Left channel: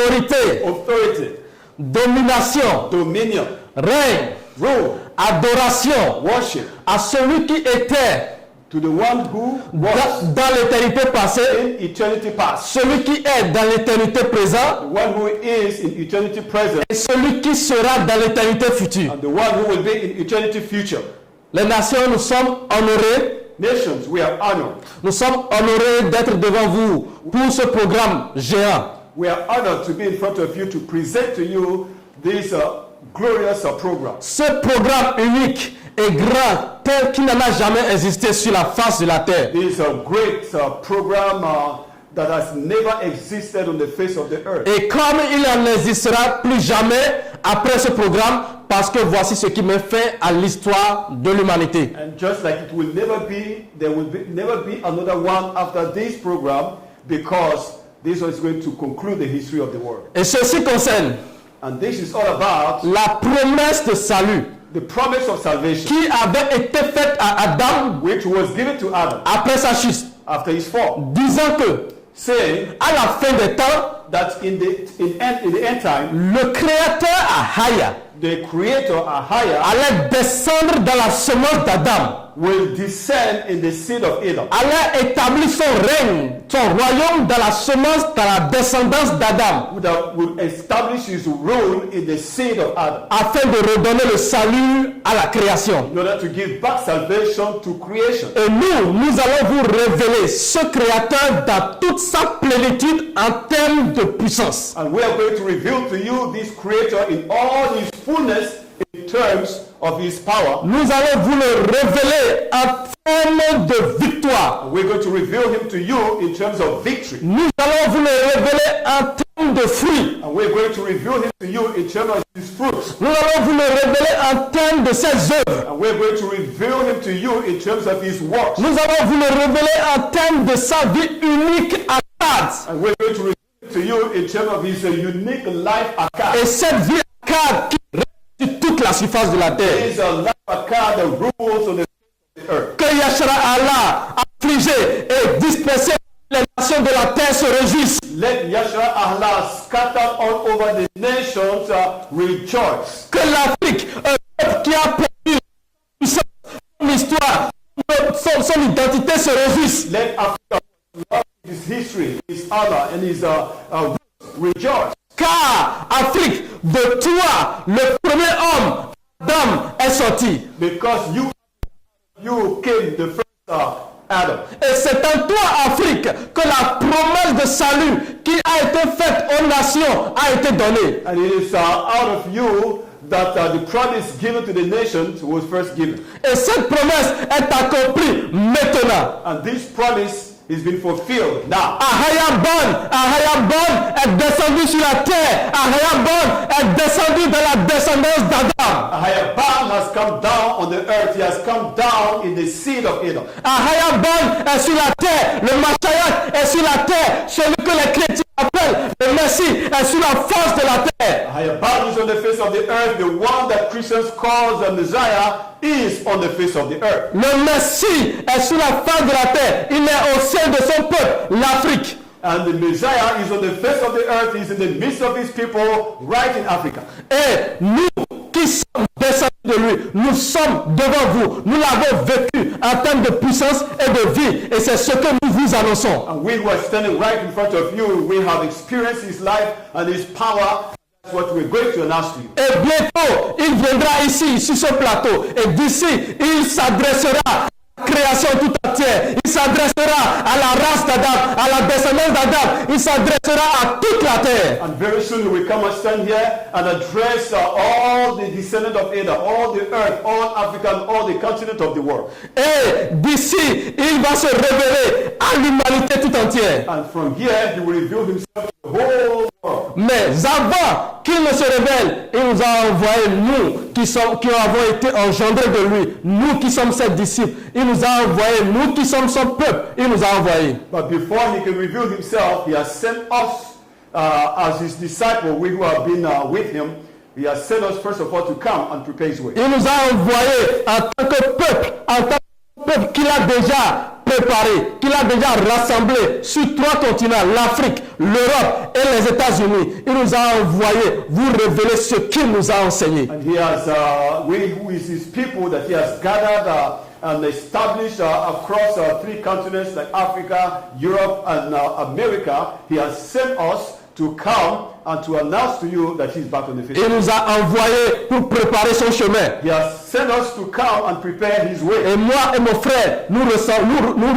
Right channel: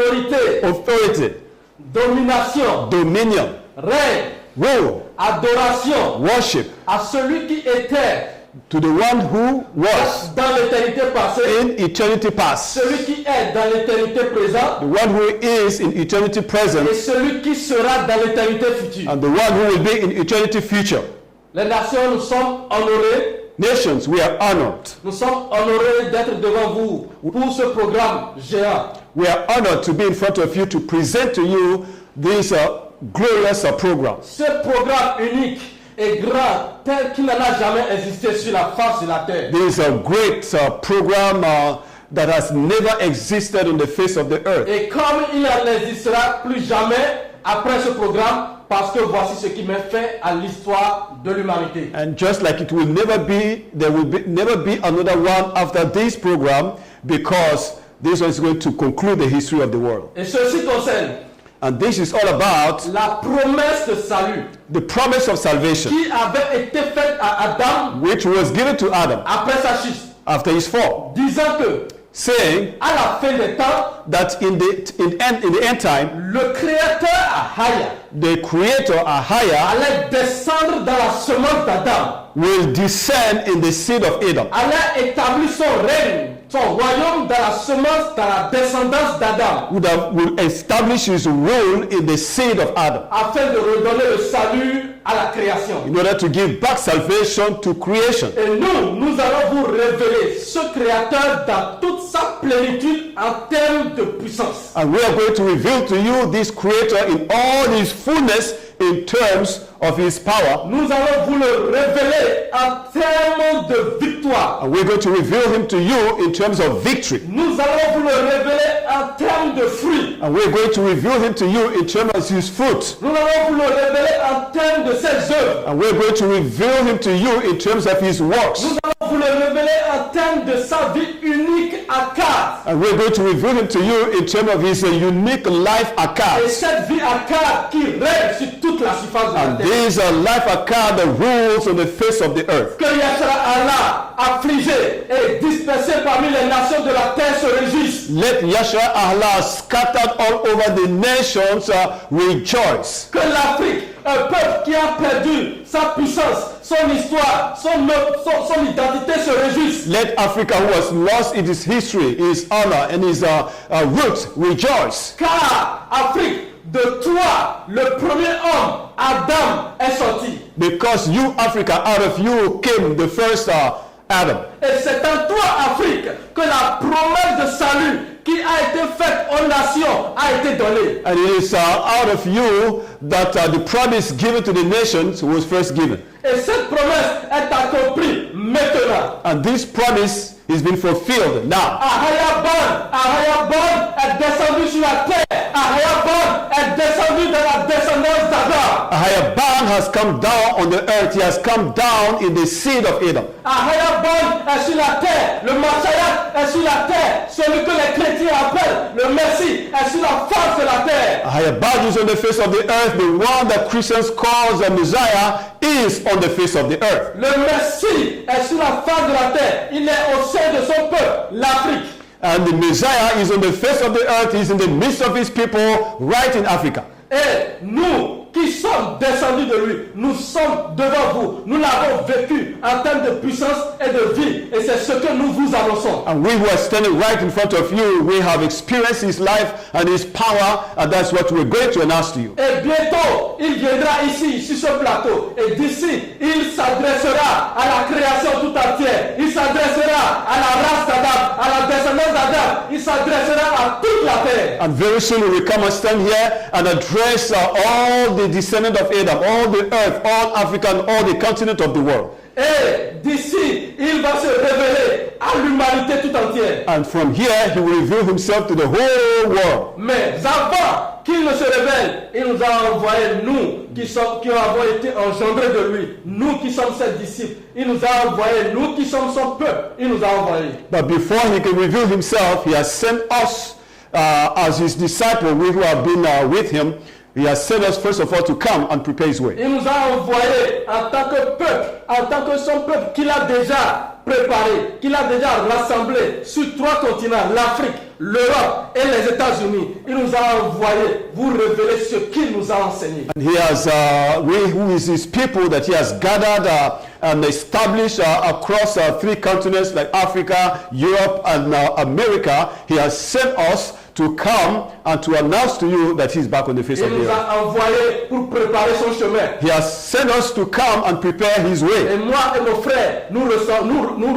autorité, domination, dominion, règne, rule, adoration, worship, à celui qui était to the one who was dans l'éternité passée, in eternity past, celui qui est dans l'éternité the présente, one who is in eternity present, et celui qui sera dans l'éternité future. and the one who will be in eternity future. Les nations, nous sommes honorés. Nations, we are honored. Nous sommes honorés d'être devant vous pour ce programme géant. We are honored to be in front of you to present to you this glorious program. Ce programme unique et grand tel qu'il n'en a jamais existé sur la face de la terre. This is a great program that has never existed on the face of the earth. Et comme il n'en existera plus jamais après ce programme, parce que voici ce qui me fait à l'histoire de l'humanité. And just like it will never be, there will never be another one after this program, because this one is going to conclude the history of the world. Et ceci concerne And this is all about la promesse de salut the promise of salvation, qui avait été faite à Adam which was given to Adam après sa chute, after his fall, disant que saying à la fin des temps, that in the end time, le créateur AHAYAH the creator AHAYAH allait descendre dans la semence d'Adam, will descend in the seed of Adam, allait établir son règne, son royaume dans la semence, dans la descendance d'Adam, will establish his rule in the seed of Adam, afin de redonner le salut à la création. in order to give back salvation to creation. Et nous allons vous révéler ce créateur dans toute sa plénitude en termes de puissance. And we are going to reveal to you this creator in all his fullness in terms of his power. Nous allons vous le révéler en termes de victoire. And we're going to reveal him to you in terms of victory. Nous allons vous le révéler en termes de fruits. And we're going to reveal him to you in terms of his fruit. Nous allons vous le révéler en termes de ses œuvres. And we're going to reveal him to you in terms of his works. Nous allons vous le révéler en termes de sa vie unique à quatre. And we're going to reveal him to you in terms of his unique life Et account. cette vie à quatre qui règne sur toute la surface de la terre. There is a life account that rules on the face of the earth. Que Yahshua Allah, affligé et dispersé parmi les nations de la terre, se réjouisse. Let Yahshua Allah, scattered all over the nations, rejoice. Que l'Afrique, un peuple qui a perdu sa puissance, son histoire, son identité, se réjouisse. Let Africa, who has lost its history, his honor, and his roots, rejoice. Car Afrique, de toi, le premier homme, Adam, est sorti. Because you, Africa, out of you came the first Adam. Et c'est en toi, Afrique, que la promesse de salut qui a été faite aux nations a été donnée. And it is out of you that the promise given to the nations was first given. Et cette promesse est accomplie maintenant. And this promise is being fulfilled now. AHAYAH est descendu sur la terre. AHAYAH est descendu dans la descendance d'Adam. AHAYAH has come down on the earth. He has come down in the seed of Adam. AHAYAH est sur la terre. Le Mashiach est sur la terre. Celui que les chrétiens appellent le Messie est sur la face de la terre. AHAYAH is on the face of the earth. The one that Christians call the Messiah is on the face of the earth. Le Messie est sur la face de la terre. Il est au sein de son peuple, l'Afrique. And the Messiah is on the face of the earth. He's in the midst of his people, right in Africa. Et nous qui sommes descendus de lui, nous sommes devant vous. Nous l'avons vécu en termes de puissance et de vie. Et c'est ce que nous vous annonçons. And we who are standing right in front of you, we have experienced his life and his power, and that's what we're going to announce to you. Et bientôt, il viendra ici, sur ce plateau. Et d'ici, il s'adressera à la création tout entière. Il s'adressera à la race d'Adam, à la descendance d'Adam. Il s'adressera à toute la terre. And very soon we come and stand here and address all the descendants of Adam, all the earth, all Africa, and all the continent of the world. Et d'ici, il va se révéler à l'humanité tout entière. And from here, he will reveal himself to the whole world. Mais avant qu'il ne se révèle, il nous a envoyé, nous qui avons été engendrés de lui, nous qui sommes ses disciples, il nous a envoyé, nous qui sommes son peuple, il nous a envoyé. But before he can reveal himself, he has sent us as his disciples, we who have been with him. He has sent us first of all to come and prepare his way. Il nous a envoyés en tant que peuple, en tant que son peuple qu'il a déjà préparé, qu'il a déjà rassemblé sur 3 continents, l'Afrique, l'Europe et les États-Unis. Il nous a envoyé vous révéler ce qu'il nous a enseigné. And he has, who is his people that he has gathered and established across 3 continents like Africa, Europe, and America. He has sent us to come and to announce to you that he is back on the face Il of the nous earth. a envoyé pour préparer son chemin. He has sent us to come and prepare his Et way. moi et mon frère, nous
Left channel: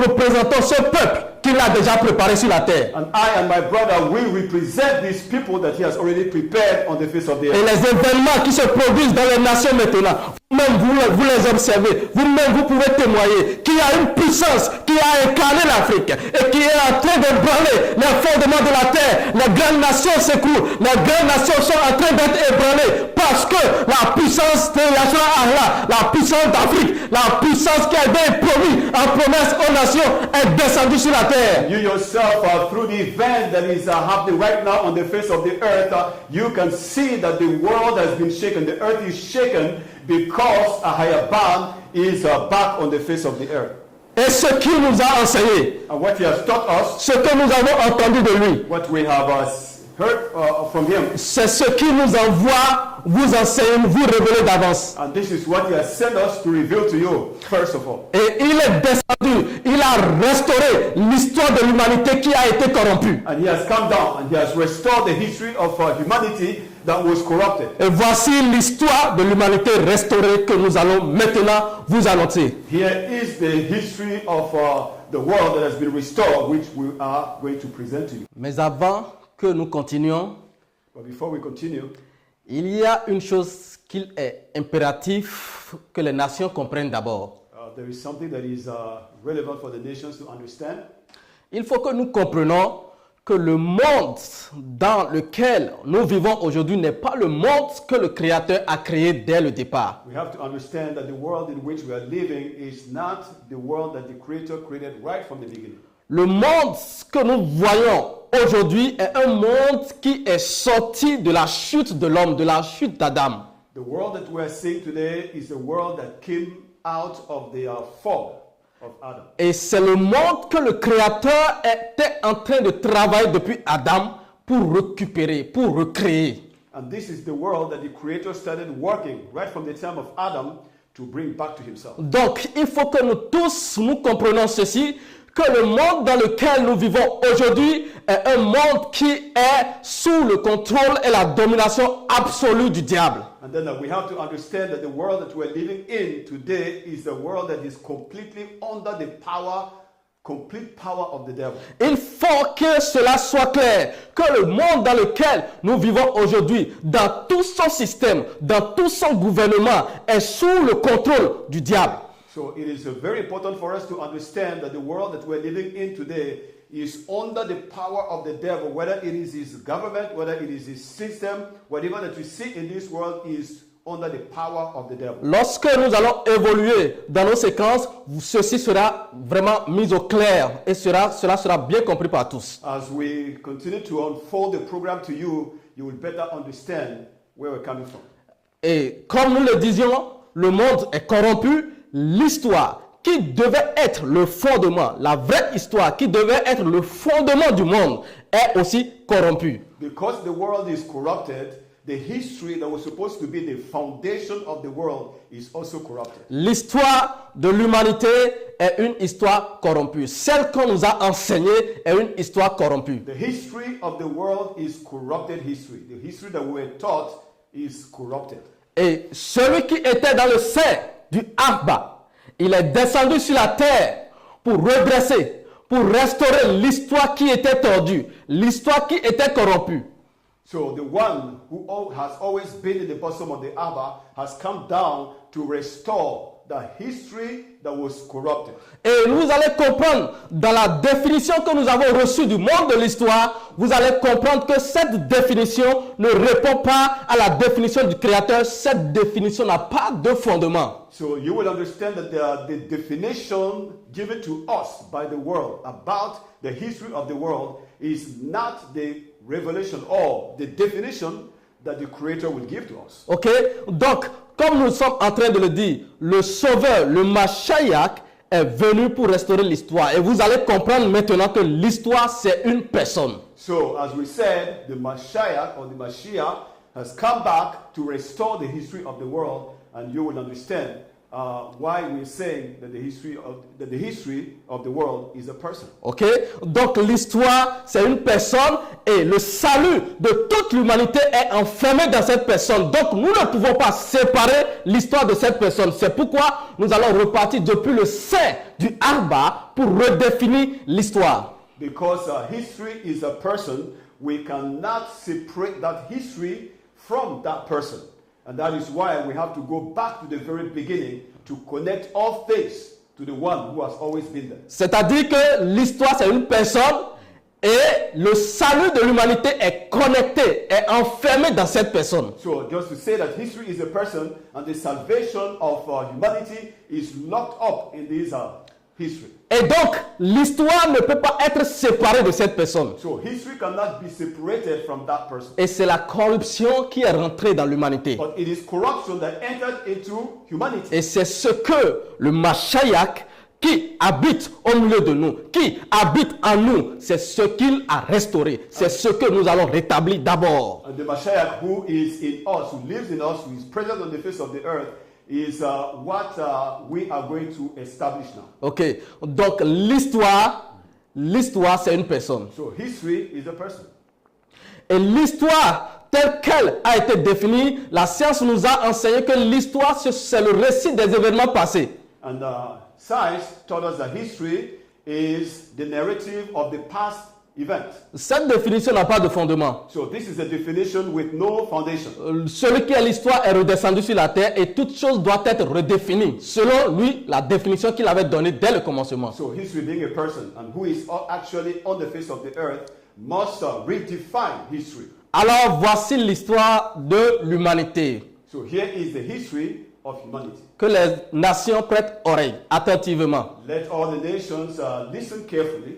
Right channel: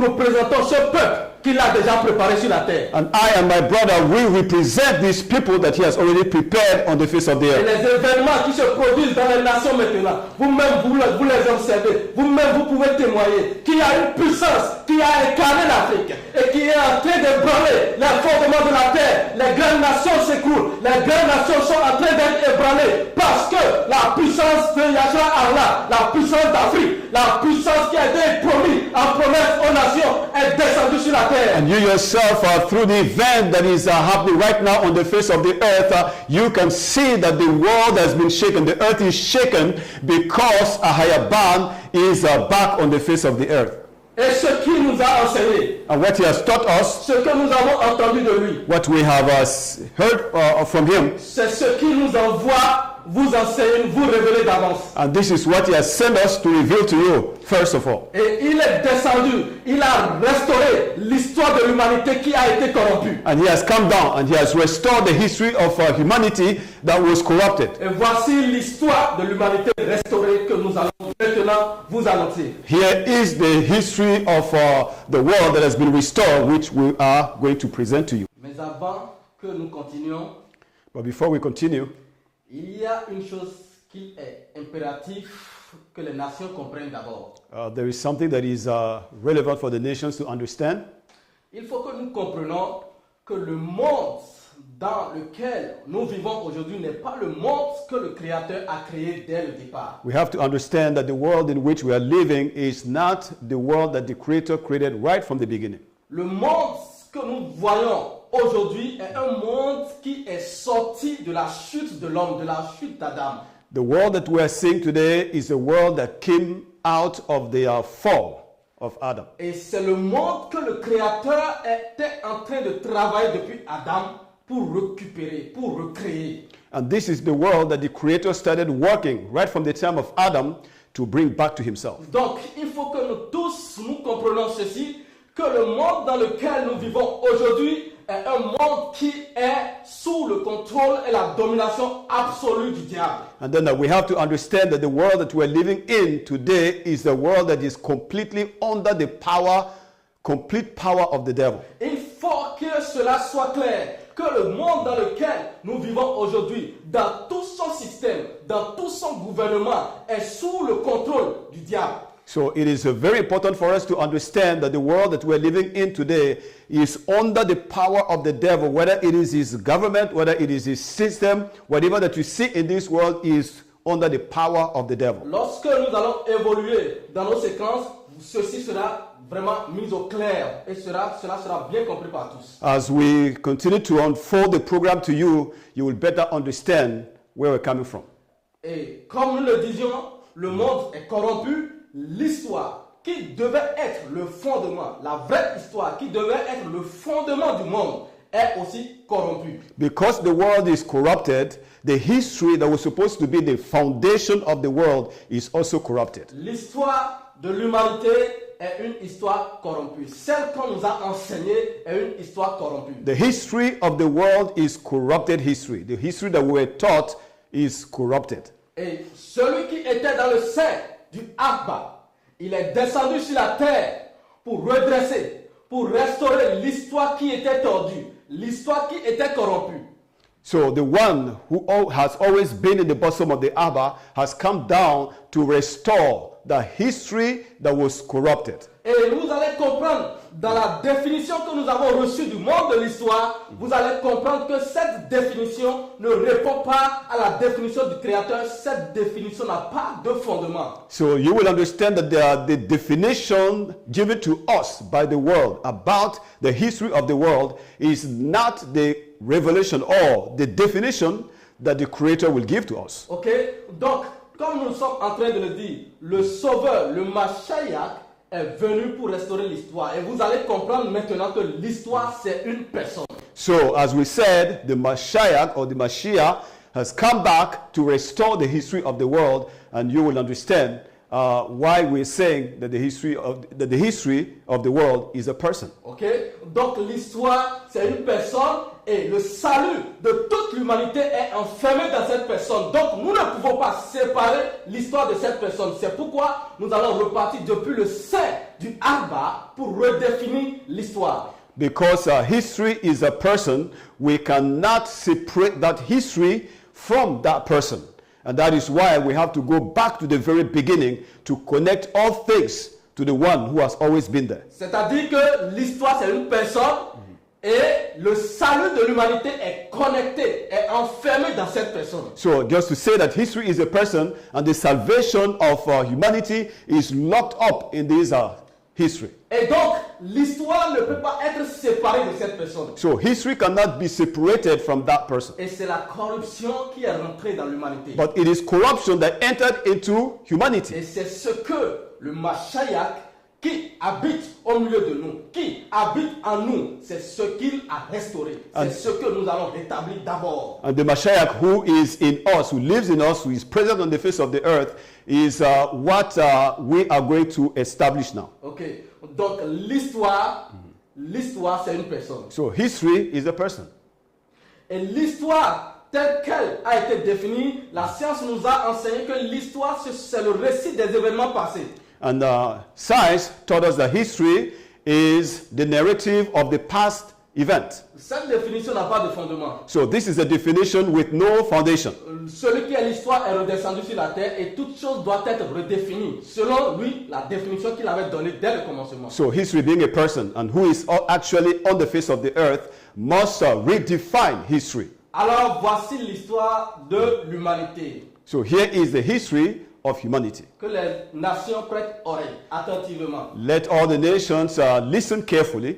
représentons ce peuple qu'il a déjà préparé sur la terre. And I and my brother, we represent these people that he has already prepared on the face of the Et earth. les événements qui se produisent dans les nations maintenant, vous-même vous les observez, vous-même vous pouvez témoigner qu'il y a une puissance qui a incarné l'Afrique et qui est en train d'ébranler les fondements de la terre. Les grandes nations s'écoulent, les grandes nations sont en train d'être ébranlées parce que la puissance de Allah, la puissance d'Afrique, la puissance qui a été promise en promesse aux nations est descendue sur la terre. And you yourself, through the event that is happening right now on the face of the earth, you can see that the world has been shaken. The earth is shaken because AHAYAH is back on the face of the earth. Et ce qu'il nous a enseigné, And what he has taught us, ce que nous avons entendu de lui, what we have heard from him, c'est ce qu'il nous envoie vous enseigner, vous révéler d'avance. and this is what he has sent us to reveal to you, first of all. Et il est descendu, il a restauré l'histoire de l'humanité qui a été corrompue. And he has come down and he has restored the history of humanity that was corrupted. Et voici l'histoire de l'humanité restaurée que nous allons maintenant vous annoncer. Here is the history of the world that has been restored, which we are going to present to you. Mais avant que nous continuions, But before we continue, il y a une chose qu'il est impératif que les nations comprennent d'abord. there is something that is relevant for the nations to understand. Il faut que nous comprenions que le monde dans lequel nous vivons aujourd'hui n'est pas le monde que le Créateur a créé dès le départ. We have to understand that the world in which we are living is not the world that the Creator created right from the beginning. Le monde que nous voyons aujourd'hui est un monde qui est sorti de la chute de l'homme, de la chute d'Adam. The world that we are seeing today is a world that came out of the fall of Adam. Et c'est le monde que le Créateur était en train de travailler depuis Adam pour récupérer, pour recréer. And this is the world that the Creator started working right from the time of Adam to bring back to himself. Donc, il faut que nous tous, nous comprenions ceci, que le monde dans lequel nous vivons aujourd'hui est un monde qui est sous le contrôle et la domination absolue du diable. And then we have to understand that the world that we're living in today is a world that is completely under the complete power of the devil. Il faut que cela soit clair, que le monde dans lequel nous vivons aujourd'hui, dans tout son système, dans tout son gouvernement, est sous le contrôle du diable. So it is very important for us to understand that the world that we're living in today is under the power of the devil, whether it is his government, whether it is his system, whatever that you see in this world is under the power of the devil. Lorsque nous allons évoluer dans nos séquences, ceci sera vraiment mis au clair et cela sera bien compris par tous. As we continue to unfold the program to you, you will better understand where we're coming from. Et comme nous le disions, le monde est corrompu. L'histoire qui devait être le fondement, la vraie histoire qui devait être le fondement du monde est aussi corrompue. Because the world is corrupted, the history that was supposed to be the foundation of the world is also corrupted. L'histoire de l'humanité est une histoire corrompue. Celle qu'on nous a enseignée est une histoire corrompue. The history of the world is corrupted history. The history that we were taught is corrupted. Et celui qui était dans le sein du Abba, il est descendu sur la terre pour redresser, pour restaurer l'histoire qui était tordue, l'histoire qui était corrompue. So the one who has always been in the bosom of the Abba has come down to restore the history that was corrupted. Et vous allez comprendre, dans la définition que nous avons reçue du monde de l'histoire, vous allez comprendre que cette définition ne répond pas à la définition du Créateur. Cette définition n'a pas de fondement. So you will understand that the definition given to us by the world about the history of the world is not the revelation or the definition that the Creator will give to us. Ok? Donc, comme nous sommes en train de le dire, le Sauveur, le Mashiach, est venu pour restaurer l'histoire. Et vous allez comprendre maintenant que l'histoire, c'est une personne. So, as we said, the Mashiach or the Mashiach has come back to restore the history of the world, and you will understand why we're saying that the history of the world is a person. Ok? Donc l'histoire, c'est une personne et le salut de toute l'humanité est enfermé dans cette personne. Donc nous ne pouvons pas séparer l'histoire de cette personne. C'est pourquoi nous allons repartir depuis le sein du Arba pour redéfinir l'histoire. Because history is a person, we cannot separate that history from that person. And that is why we have to go back to the very beginning to connect all things to the one who has always been there. C'est-à-dire que l'histoire, c'est une personne et le salut de l'humanité est connecté, est enfermé dans cette personne. So just to say that history is a person and the salvation of humanity is locked up in this history. Et donc, l'histoire ne peut pas être séparée de cette personne. So history cannot be separated from that person. Et c'est la corruption qui est rentrée dans l'humanité. But it is corruption that entered into humanity. Et c'est ce que le Mashiach qui habite au milieu de nous, qui habite en nous, c'est ce qu'il a restauré. C'est ce que nous allons rétablir d'abord. And the Mashiach who is in us, who lives in us, who is present on the face of the earth, is what we are going to establish now. Ok, donc l'histoire c'est une personne. So history is a person. Et l'histoire telle qu'elle a été définie, la science nous a enseigné que l'histoire c'est le récit des événements passés. And science taught us that history is the narrative of the past event. Cette définition n'a pas de fondement. So this is a definition with no foundation. Celui qui est l'histoire est redescendu sur la terre et toute chose doit être redéfinie selon lui la définition qu'il avait donnée dès le commencement. So history being a person and who is actually on the face of the earth must redefine history. Alors voici l'histoire de l'humanité. So here is the history of humanity. Que les nations prêtent oreille attentivement. Let all the nations listen carefully.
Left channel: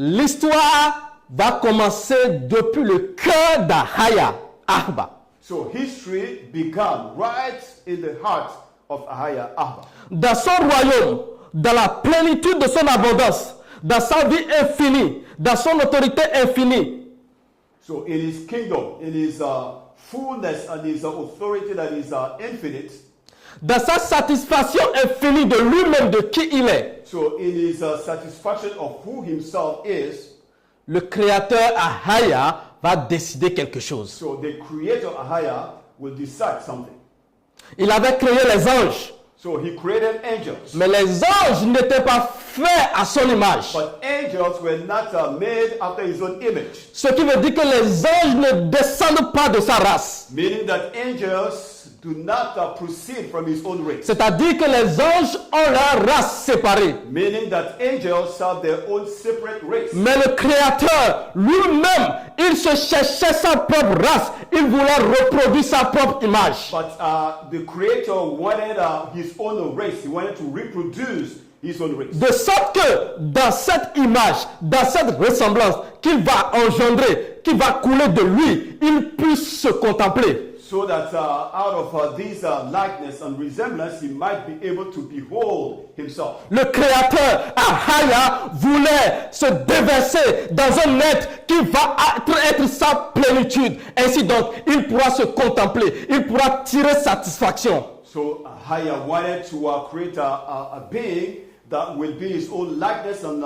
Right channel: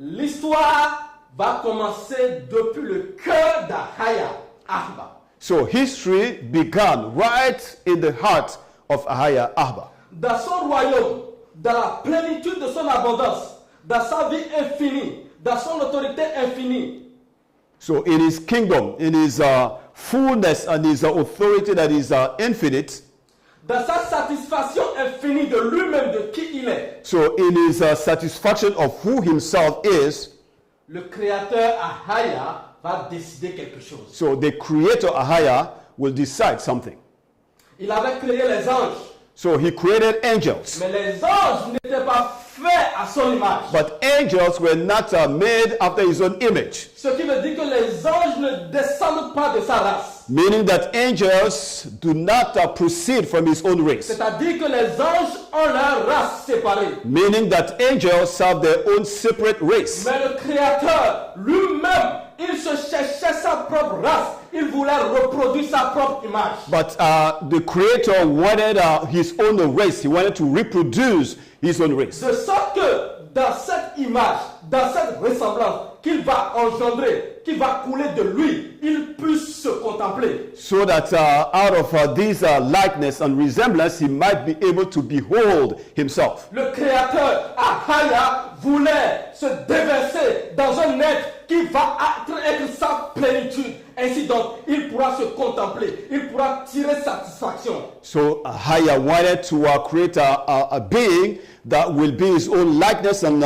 L'histoire va commencer depuis le cœur d'AHAYAH, Ahba. So history began right in the heart of AHAYAH, Ahba. Dans son royaume, dans la plénitude de son abondance, dans sa vie infinie, dans son autorité infinie. So in his kingdom, in his fullness and his authority that is infinite. Dans sa satisfaction infinie de lui-même, de qui il est. So in his satisfaction of who himself is, le créateur AHAYAH va décider quelque chose. So the creator AHAYAH will decide something. Il avait créé les anges. So he created angels. Mais les anges n'étaient pas faits à son image. But angels were not made after his own image. Ce qui veut dire que les anges ne descendent pas de sa race. Meaning that angels do not proceed from his own race. C'est-à-dire que les anges ont leur race séparée. Meaning that angels have their own separate race. Mais le Créateur lui-même, il se cherchait sa propre race. Il voulait reproduire sa propre image. But the Creator wanted his own race. He wanted to reproduce his own race. De sorte que dans cette image, dans cette ressemblance qu'il va engendrer, qui va couler de lui, il puisse se contempler. So that out of this likeness and resemblance, he might be able to behold himself. Le Créateur, AHAYAH, voulait se déverser dans un être qui va être sa plénitude. Ainsi donc, il pourra se contempler, il pourra tirer satisfaction. So AHAYAH wanted to create a being that will be his own likeness and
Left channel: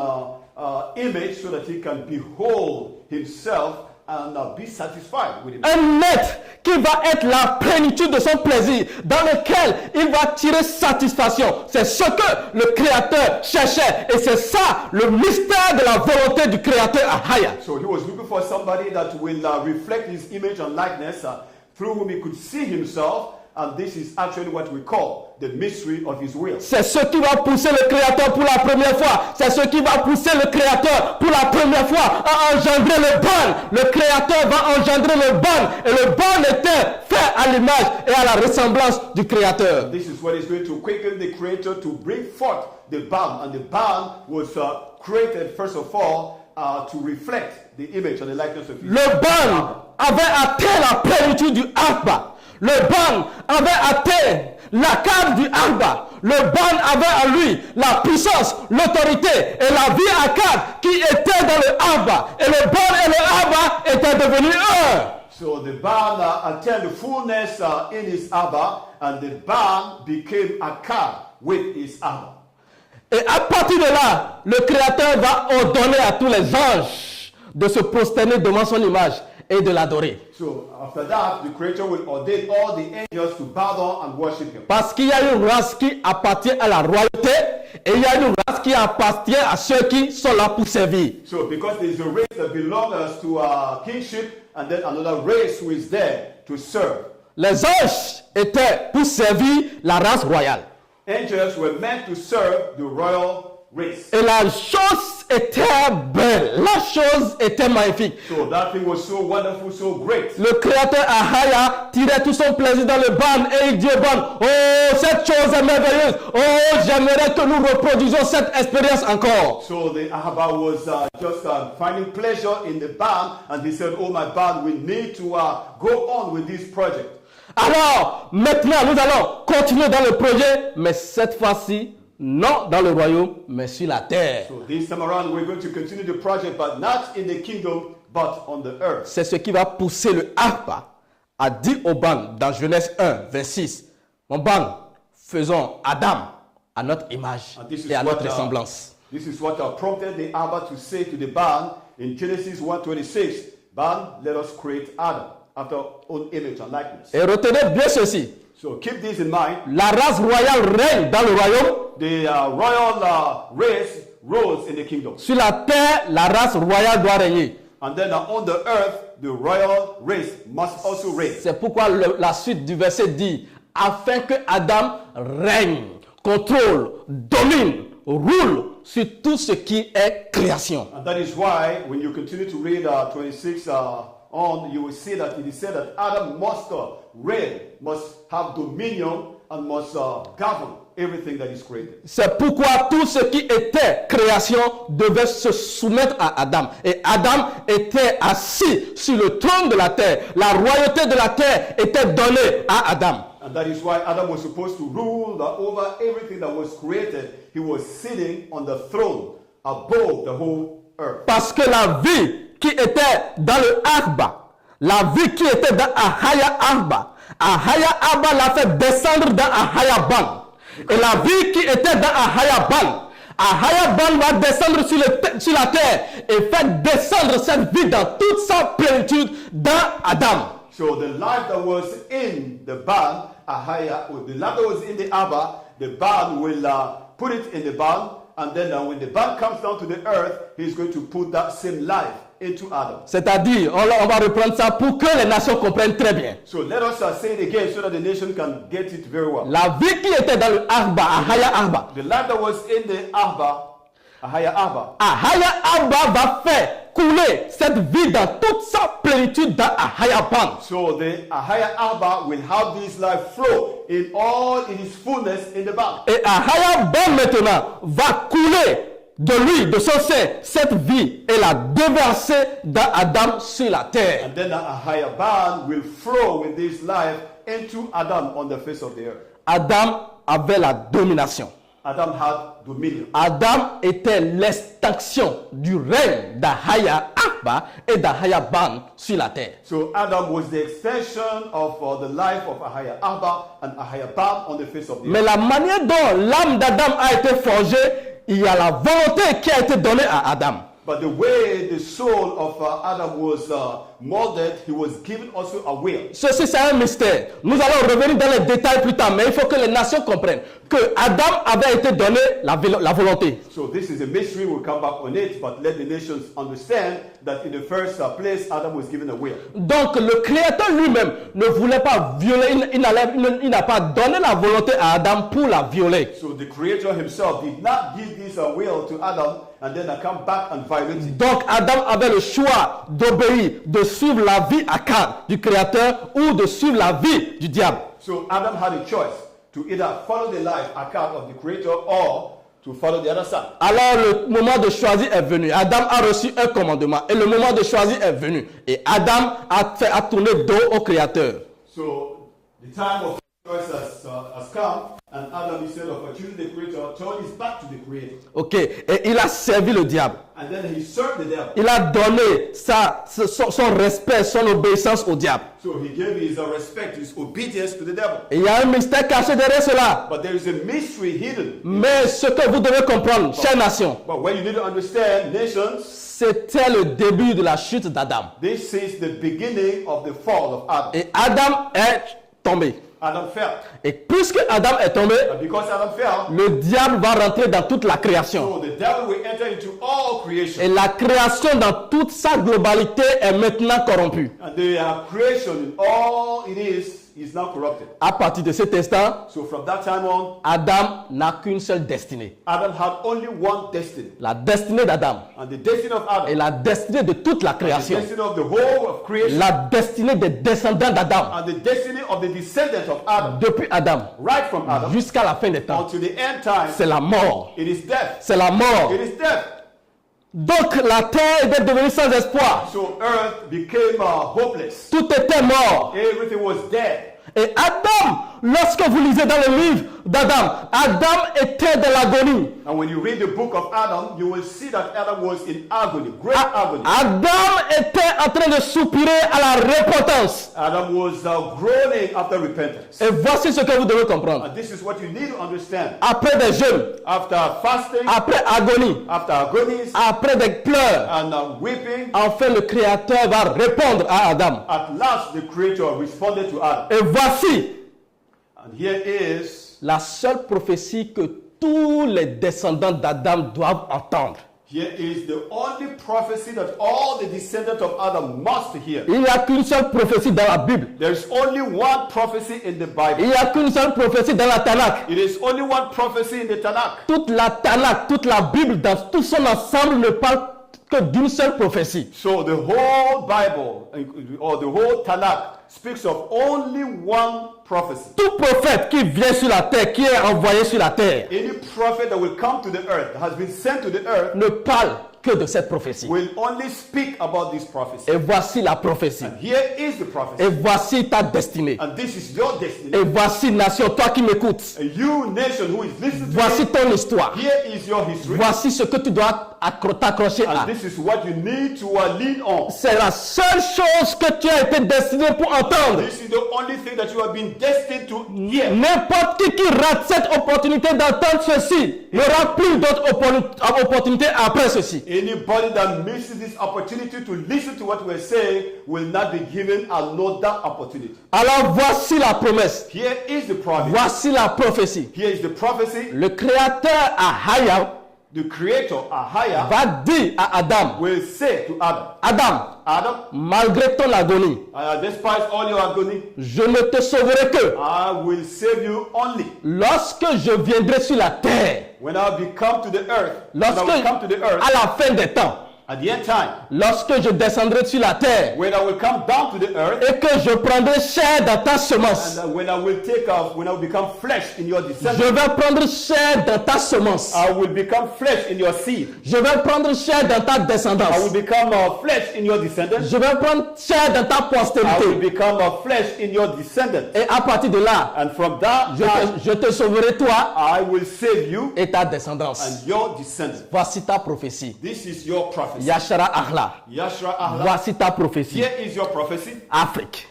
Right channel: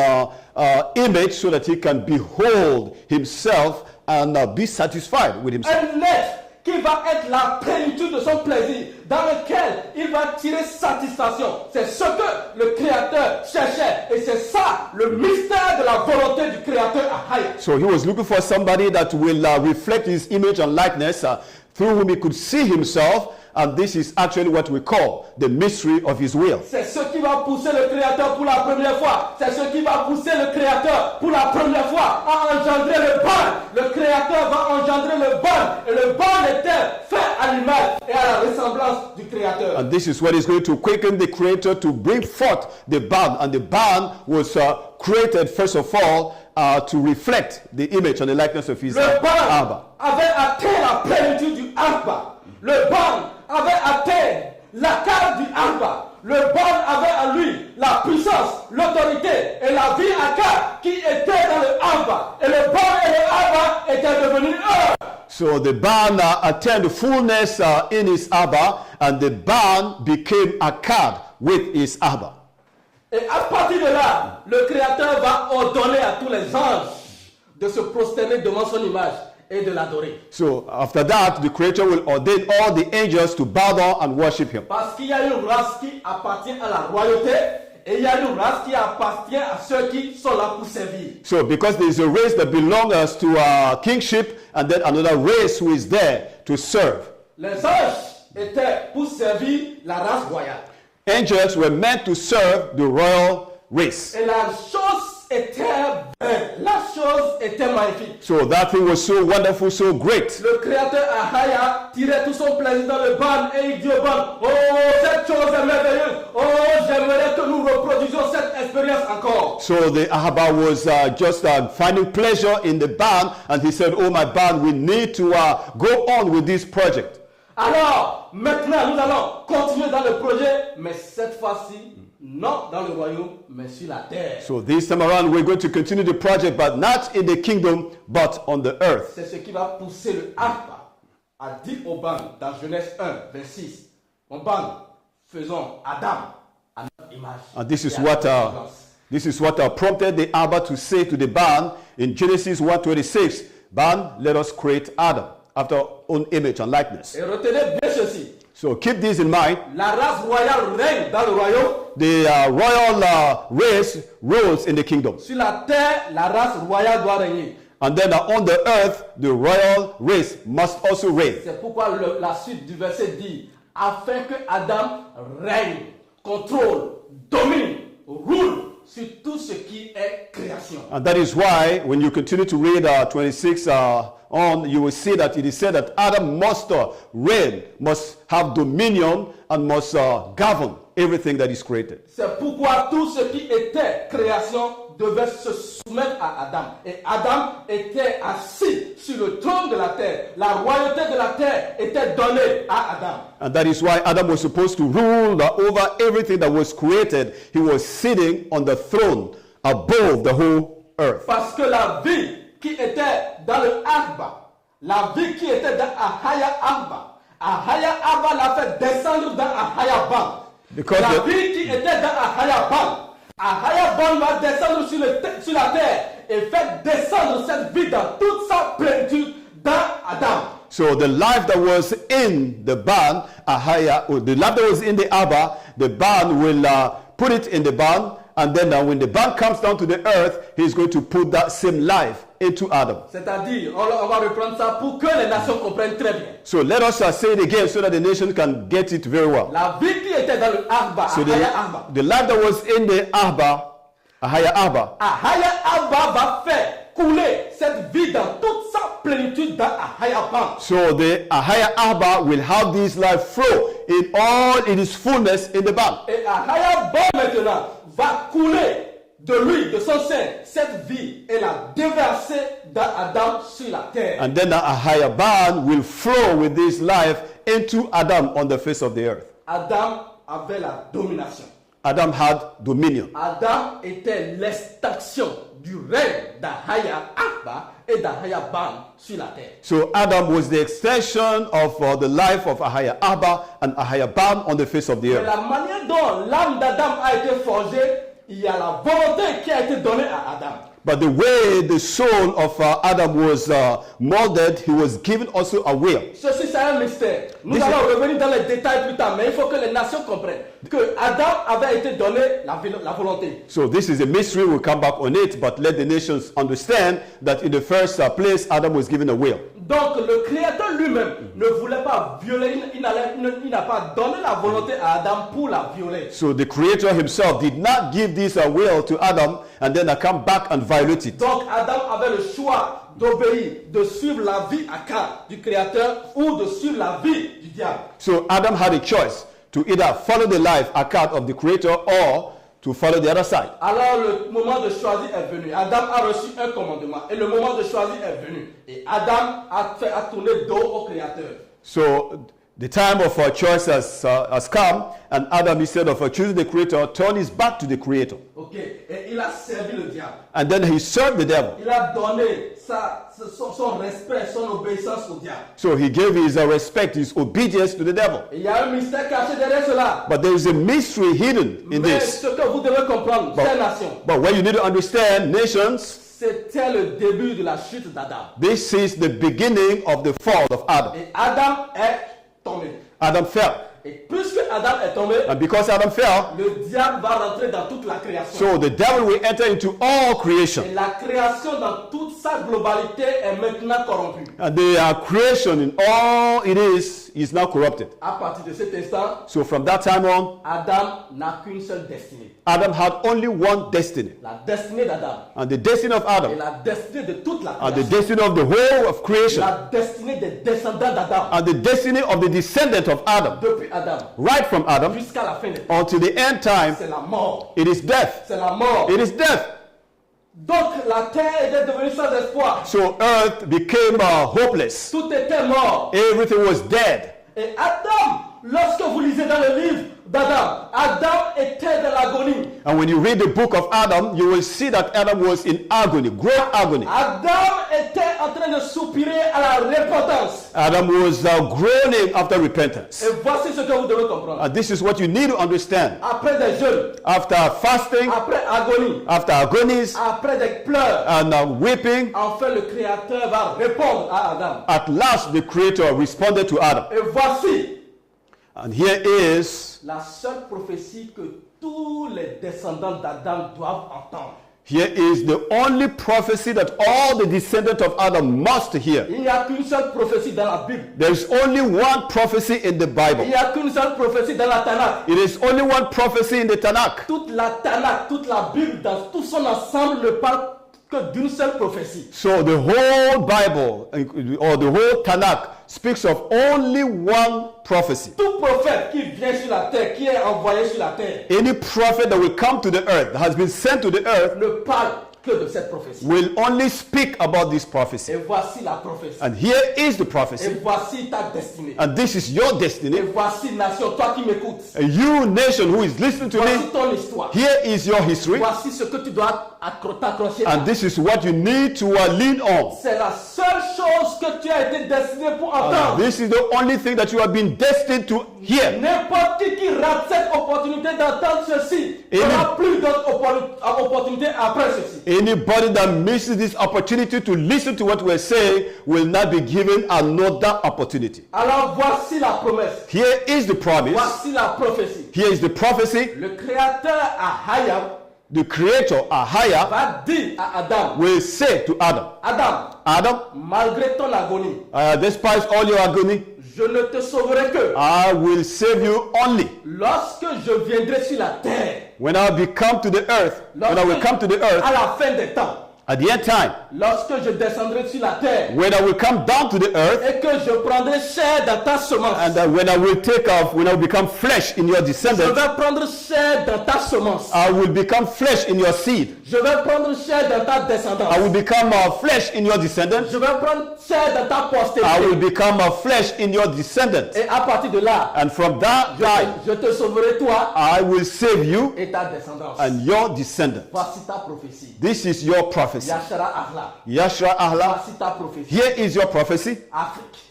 image, so that he can behold himself and be satisfied with himself. Un être qui va être la plénitude de son plaisir, dans lequel il va tirer satisfaction. C'est ce que le Créateur cherchait, et c'est ça le mystère de la volonté du Créateur AHAYAH. So he was looking for somebody that will reflect his image and likeness, through whom he could see himself. And this is actually what we call the mystery of his will. C'est ce qui va pousser le Créateur pour la première fois. C'est ce qui va pousser le Créateur pour la première fois à engendrer le bon. Le Créateur va engendrer le bon. Et le bon était fait à l'image et à la ressemblance du Créateur. And this is what is going to quicken the Creator to bring forth the barn. And the barn was created first of all to reflect the image and the likeness of his. Le bon avait atteint la plénitude du Arba. Le ban avait atteint la cave du Arba. Le ban avait en lui la puissance, l'autorité et la vie à quatre qui était dans le Abba. Et le ban et le Abba étaient devenus un. So the ban attained fullness in his Abba, and the ban became Akkad with his Abba. Et à partir de là, le Créateur va ordonner à tous les anges de se prosterner devant son image et de l'adorer. So after that, the Creator will ordain all the angels to bow down and worship him. Parce qu'il y a une race qui appartient à la royauté et il y a une race qui appartient à ceux qui sont là pour servir. So because there is a race that belongs to kingship, and then another race who is there to serve. Les anges étaient pour servir la race royale. Angels were meant to serve the royal race. Et la chose était belle, la chose était magnifique. So that thing was so wonderful, so great. Le créateur AHAYAH tirait tout son plaisir dans le ban et il dit au ban, oh cette chose est merveilleuse, oh j'aimerais que nous reproduisions cette expérience encore. So the Ahaba was just finding pleasure in the band, and he said, oh my band, we need to go on with this project. Alors, maintenant, nous allons continuer dans le projet, mais cette fois-ci, non dans le royaume, mais sur la terre. So this time around, we're going to continue the project, but not in the kingdom, but on the earth. C'est ce qui va pousser le Abba à dire au ban, dans Genèse 1, 26, mon ban, faisons Adam à notre image And this is et à what notre semblance. this is what prompted the Abba to say to the band in Genesis 1:26, band, let us create Adam after our own image and likeness. Et retenez bien ceci. So keep this in mind. La race royale règne dans le royaume. The royal race rules in the kingdom. Sur la terre, la race royale doit régner. And then on the earth, the royal race must also reign. C'est pourquoi la suite du verset dit, afin que Adam règne, contrôle, domine, roule sur tout ce qui est création. And that is why when you continue to read 26 on, you will see that it is said that Adam must reign, must have dominion, and must govern everything that is created. C'est pourquoi tout ce qui était création devait se soumettre à Adam. Et Adam était assis sur le trône de la terre. La royauté de la terre était donnée à Adam. And that is why Adam was supposed to rule over everything that was created. He was sitting on the throne above the whole earth. Parce que la vie qui était dans le Abba, la vie qui était dans AHAYAH Abba l'a fait descendre dans AHAYAH Ban. Et la vie qui était dans AHAYAH Ban va descendre sur la terre et faire descendre cette vie dans toute sa plénitude dans Adam. So the life that was in the barn, AHAYAH, or the life that was in the Abba, the barn will put it in the barn, and then when the barn comes down to the earth, he's going to put that same life into Adam. C'est-à-dire, on va reprendre ça pour que les nations comprennent très bien. So let us say it again so that the nation can get it very well. La vie qui était dans le Abba, AHAYAH The life that was in the Abba, AHAYAH Abba va faire couler cette vie dans toute sa plénitude dans AHAYAH Ban. So the AHAYAH will have this life flow in all in its fullness in the barn. Et AHAYAH Ban maintenant va couler de lui, de son sein, cette vie et la déverser dans Adam sur la terre. And then the AHAYAH will flow with this life into Adam on the face of the earth. Adam avait la domination. Adam had dominion. Adam était l'extinction du règne d'AHAYAH Abba et d'AHAYAH Ban sur la terre. So Adam was the extension of the life of AHAYAH Abba and AHAYAH Ban on the face of the Mais earth. la manière dont l'âme d'Adam a été forgée, il y a la volonté qui a été donnée à Adam. But the way the soul of Adam was molded, he was given also a will. Ceci, c'est un mystère. Nous allons revenir dans les détails plus tard, mais il faut que les nations comprennent que Adam avait été donné la volonté. So this is a mystery, we'll come back on it, but let the nations understand that in the first place, Adam was given a will. Donc le Créateur lui-même ne voulait pas violer, il n'a pas donné la volonté à Adam pour la violer. So the Creator himself did not give this will to Adam and then come back and violate it. Donc Adam avait le choix d'obéir, de suivre la vie à quatre du Créateur ou de suivre la vie du diable. So Adam had a choice to either follow the life account of the Creator or to follow the other side. Alors le moment de choisir est venu. Adam a reçu un commandement et le moment de choisir est venu. Et Adam a tourné dos au Créateur. So the time of choice has come, And Adam, instead of choosing the Creator, turned his back to the Creator. Ok. Et il a servi le diable. And then he served the devil. Il a donné son respect, son obéissance au diable. So he gave his respect, his obedience to the devil. Et il y a un mystère caché derrière cela. But there is a mystery hidden in Mais this. ce que vous devez comprendre, chère nation, But what you need to understand, nations, c'était le début de la chute d'Adam. this is the beginning of the fall of Adam. Et Adam est tombé. Adam fell. Et puisque Adam est tombé, And because Adam fell, le diable va rentrer dans toute la création. so the devil will enter into all Et creation. la création dans toute sa globalité est maintenant corrompue. And the creation in all it is now corrupted. À partir de cet instant, So from that time on, Adam n'a qu'une seule destinée. Adam had only one destiny. La destinée d'Adam And the destiny of et Adam, la destinée de toute la and the création. destiny of the whole of creation, La destinée des descendants d'Adam. and the destiny of the descendant of Adam, Depuis Adam right from Adam jusqu'à la fin des temps, until the end time, c'est la mort. it is death. C'est la mort. It is death. Donc la terre était devenue sans espoir. So earth became hopeless. Tout était mort. Everything was dead. Et Adam, lorsque vous lisez dans le livre d'Adam, Adam était de l'agonie. And when you read the book of Adam, you will see that Adam was in agony, great agony. Adam était en train de soupirer à la repentance. Adam was groaning after repentance. Et voici ce que vous devez comprendre. And this is what you need to understand. Après des jeûnes, After fasting, après agonie, after agonies, après des pleurs, and weeping, enfin le Créateur va répondre à Adam. at last the Creator responded to Adam. Et voici And here is la seule prophétie que tous les descendants d'Adam doivent entendre. the only prophecy that all the descendants of Adam must hear. Il n'y a qu'une seule prophétie dans la Bible. There is only one prophecy in the Il Bible. n'y a qu'une seule prophétie dans la Tanakh. It is only one prophecy in the Tanakh. Toute la Tanakh, toute la Bible, dans tout son ensemble ne parle que d'une seule prophétie. So the whole Bible or the whole Tanakh speaks of only one prophecy. Tout prophète qui vient sur la terre, qui est envoyé sur la terre, Any prophet that will come to the earth, that has been sent to the earth, ne parle que de cette prophétie. will only speak about this prophecy. Et voici la prophétie. And here is the prophecy. Et voici ta destinée. And this is your destiny. Et voici nation, toi qui m'écoutes. And you nation who is listening to Voici me, ton histoire. here is your history. Voici ce que tu dois t'accrocher à. And this is what you need to lean on. C'est la seule chose que tu as été destiné pour entendre. This is the only thing that you have been destined to hear. N'importe qui rate cette opportunité d'entendre ceci, il n'y aura plus d'autres opportunités après ceci. Anybody that misses this opportunity to listen to what we're saying will not be given another opportunity. Alors voici la promesse. Here is the promise. Voici la prophétie. Here is the prophecy. Le créateur AHAYAH The Creator, AHAYAH, va dire à Adam, will say to Adam, Adam, malgré ton agonie, despite all your agony, je ne te sauverai que I will save you only lorsque je viendrai sur la terre, when I will come to the earth. When I will come to the earth à la fin des temps, at the end time, lorsque je descendrai sur la terre when I will come down to the earth, et que je prendrai chair dans ta semence. and when I will take off, when I will become flesh in your Je descendants, vais prendre chair dans ta semence. I will become flesh in your seed. Je vais prendre chair dans ta descendance. I will become flesh in your descendants. Je vais prendre chair dans ta I will postérité. become flesh in your descendants. Et à partir de là, And from that time, je te sauverai toi I will save you et ta descendance. and your descendants. Voici ta prophétie. This is your prophecy. Yashara Ahla. Yashra Allah. Voici ta prophétie. Here is your prophecy. Afrique.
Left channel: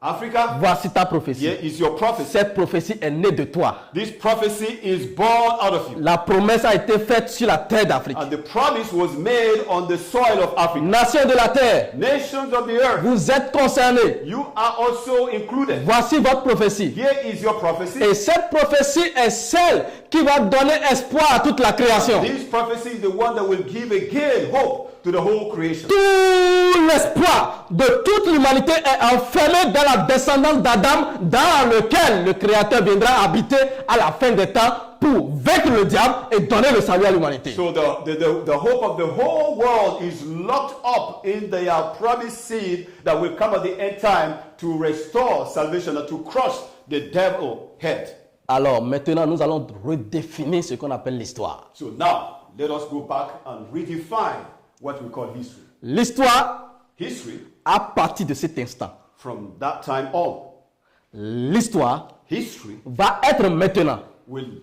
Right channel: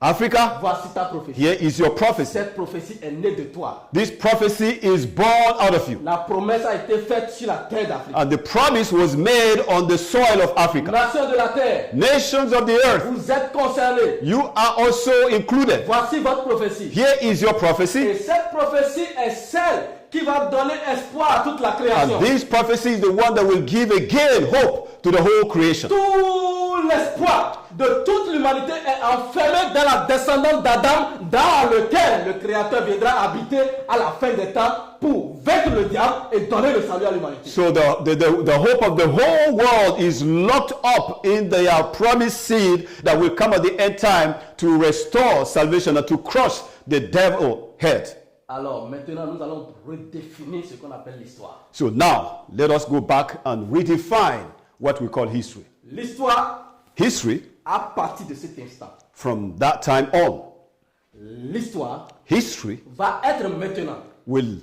Africa. Voici ta prophétie. Here is your prophecy. Cette prophétie est née de toi. This prophecy is born out of you. La promesse a été faite sur la terre d'Afrique. And the promise was made on the soil of Africa. Nations de la terre, Nations of the earth, vous êtes concernés. you are also included. Voici votre prophétie. Here is your prophecy. Et cette prophétie est celle qui va donner espoir à toute la création. This prophecy is the one that will give again hope to the whole creation. Tout l'espoir de toute l'humanité est enfermé dans la descendance d'Adam, dans lequel le Créateur viendra habiter à la fin des temps pour vaincre le diable et donner le salut à l'humanité. So the hope of the whole world is locked up in the promised seed that will come at the end time to restore salvation and to crush the devil head. Alors maintenant, nous allons redéfinir ce qu'on appelle l'histoire. So now, let us go back and redefine what we call history. L'histoire, History, à partir de cet instant, from that time on, l'histoire history va être maintenant will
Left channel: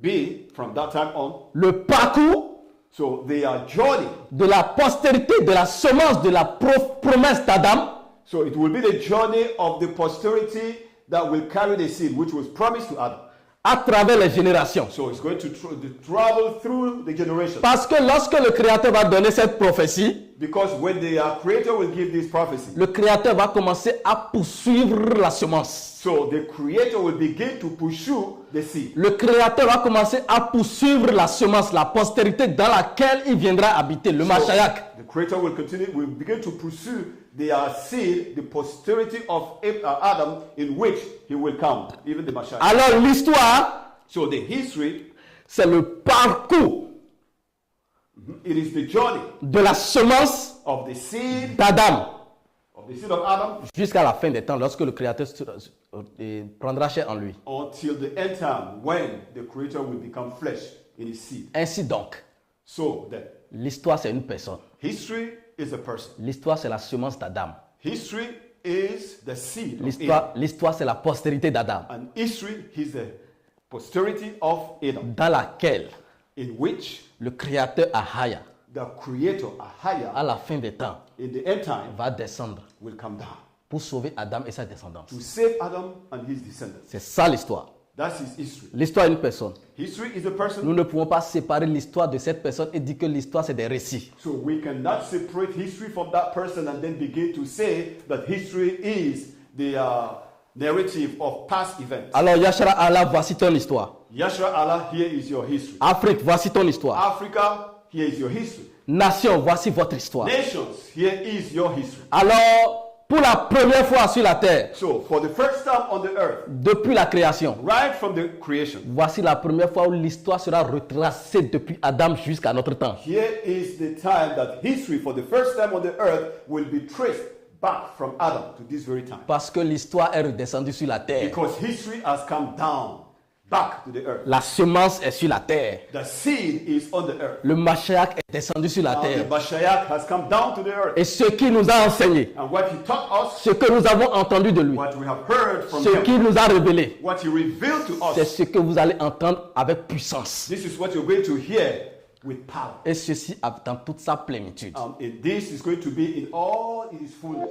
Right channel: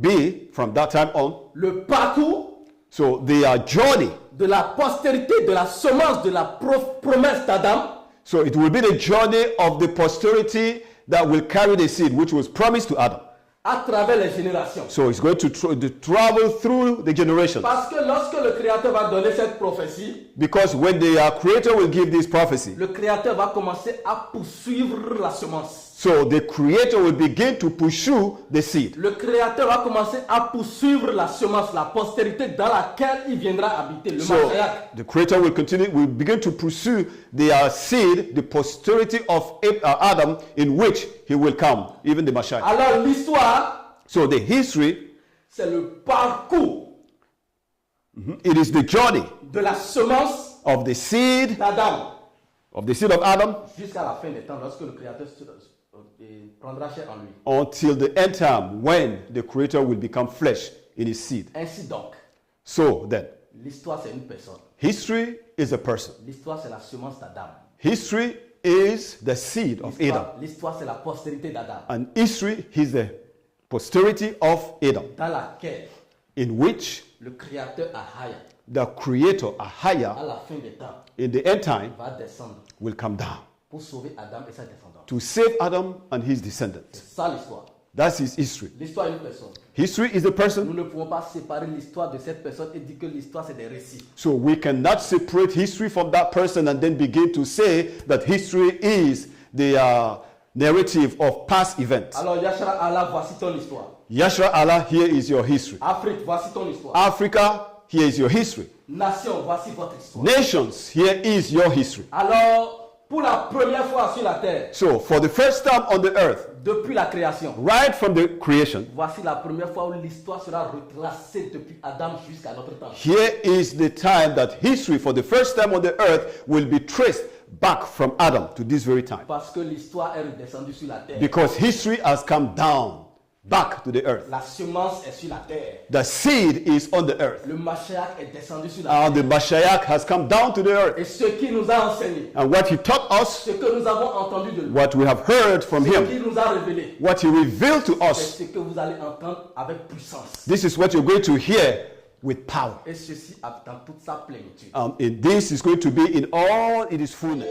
be from that time on. Le parcours So the journey. de la postérité, de la semence, de la promesse d'Adam. So it will be the journey of the posterity that will carry the seed which was promised to Adam. À travers les générations. So it's going to travel through the generations. Parce que lorsque le Créateur va donner cette prophétie, Because when the Creator will give this prophecy, le Créateur va commencer à poursuivre la semence. so the Creator will begin to pursue the seed. Le Créateur va commencer à poursuivre la semence, la postérité dans laquelle il viendra habiter, le So Mashiach. the Creator will begin to pursue the seed, the posterity of Adam, in which he will come, even the Mashiach. Alors l'histoire, So the history, c'est le parcours it is the journey de la semence of the seed d'Adam of Adam jusqu'à la fin des temps, lorsque le Créateur prendra chair en lui. until the end time when the Creator will become flesh in his seed. Ainsi donc, So then, l'histoire c'est une personne. history is a person. L'histoire c'est la semence d'Adam. History is the seed of Adam. L'histoire c'est la postérité d'Adam, And history is the posterity of Adam, dans laquelle in which le Créateur AHAYAH, the Creator, à AHAYAH, la fin des temps, in the end time, va descendre will come down pour sauver Adam et sa descendance. to save Adam and his descendants. C'est ça l'histoire. That's his history. L'histoire est une personne. History is a Nous person, ne pouvons pas séparer l'histoire de cette personne et dire que l'histoire c'est des récits. so we cannot separate history from that person and then begin to say that history is the narrative of past events. Alors Yashara Allah, voici ton histoire. Yashua Allah, here is your history. Afrique, voici ton histoire. Africa, here is your history. Nation, voici votre histoire. Nations, here is your history. Alors, pour la première fois sur la terre, So, for the first time on the earth, depuis la création, right from the creation, voici la première fois où l'histoire sera retracée depuis Adam jusqu'à notre temps. here is the time that history, for the first time on the earth, will be traced back from Adam to this very time. Parce que l'histoire est redescendue sur la terre. Because history has come down back to the earth. La semence est sur la terre. The seed is on the earth. Le Mashiach est descendu sur la The terre. Mashiach has come down to the earth. Et ce qu'il nous a enseigné, And what he taught us, ce que nous avons entendu de lui, what we have heard from ce him, qu'il nous a révélé, what he revealed to c'est us, ce que vous allez entendre avec puissance. this is what you're going to hear with power. Et ceci dans toute sa plénitude. And this is going to be in all its fullness.